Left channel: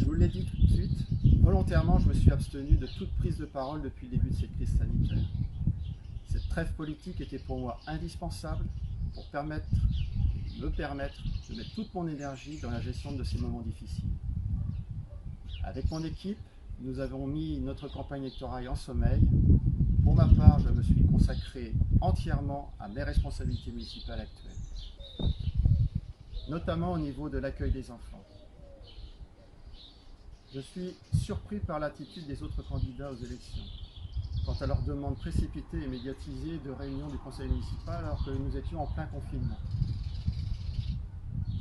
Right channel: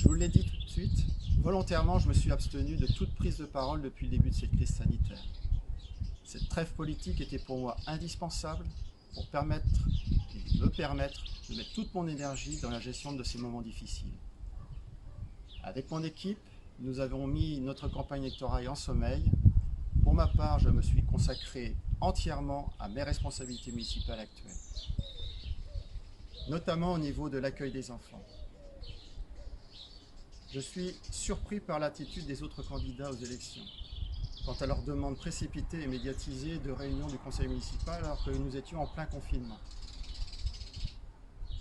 Je vous l'ai dit tout de suite, volontairement, je me suis abstenu de toute prise de parole depuis le début de cette crise sanitaire. Cette trêve politique était pour moi indispensable pour me permettre de mettre toute mon énergie dans la gestion de ces moments difficiles. Avec mon équipe, nous avons mis notre campagne électorale en sommeil. Pour ma part, je me suis consacré entièrement à mes responsabilités municipales actuelles, notamment au niveau de l'accueil des enfants. Je suis surpris par l'attitude des autres candidats aux élections quant à leur demande précipitée et médiatisée de réunion du conseil municipal alors que nous étions en plein confinement.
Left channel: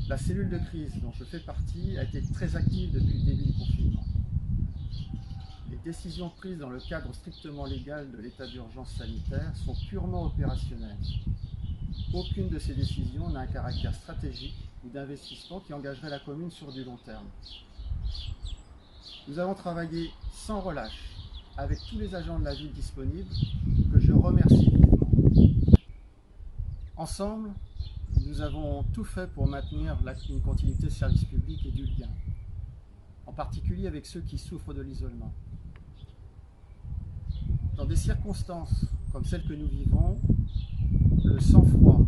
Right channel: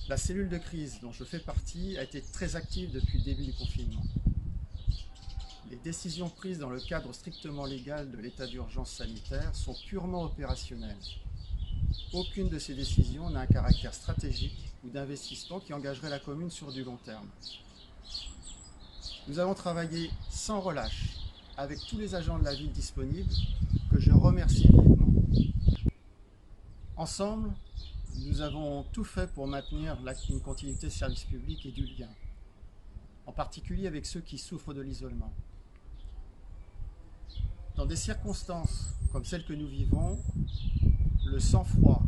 La cellule de crise dont je fais partie a été très active depuis le début du confinement. Les décisions prises dans le cadre strictement légal de l'état d'urgence sanitaire sont purement opérationnelles. Aucune de ces décisions n'a un caractère stratégique ou d'investissement qui engagerait la commune sur du long terme. Nous avons travaillé sans relâche avec tous les agents de la ville disponibles, que je remercie vivement. Ensemble, nous avons tout fait pour maintenir une continuité de service public et du lien, en particulier avec ceux qui souffrent de l'isolement. Dans des circonstances comme celles que nous vivons, le sang-froid,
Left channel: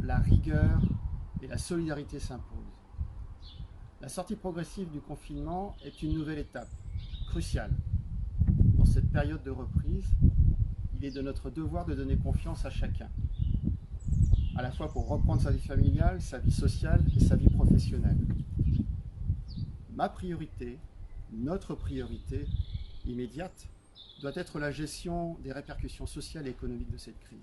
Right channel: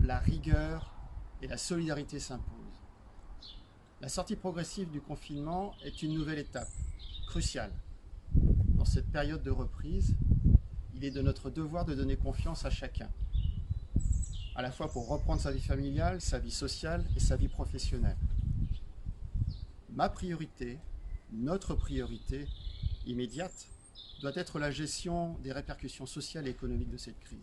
la rigueur et la solidarité s'imposent. La sortie progressive du confinement est une nouvelle étape, cruciale. Dans cette période de reprise, il est de notre devoir de donner confiance à chacun, à la fois pour reprendre sa vie familiale, sa vie sociale et sa vie professionnelle. Ma priorité, notre priorité immédiate, doit être la gestion des répercussions sociales et économiques de cette crise.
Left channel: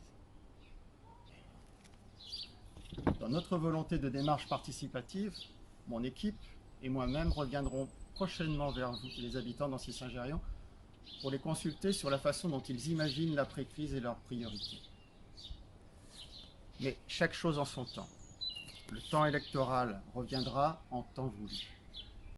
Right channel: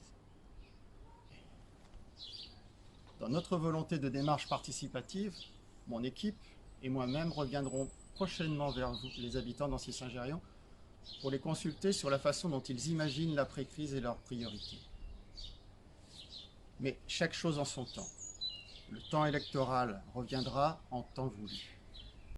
Dans notre volonté de démarche participative, mon équipe et moi-même reviendrons prochainement vers vous, les habitants d'Ancey-Saint-Gérion, pour les consulter sur la façon dont ils imaginent l'après-crise et leurs priorités. Mais chaque chose en son temps. Le temps électoral reviendra en temps voulu.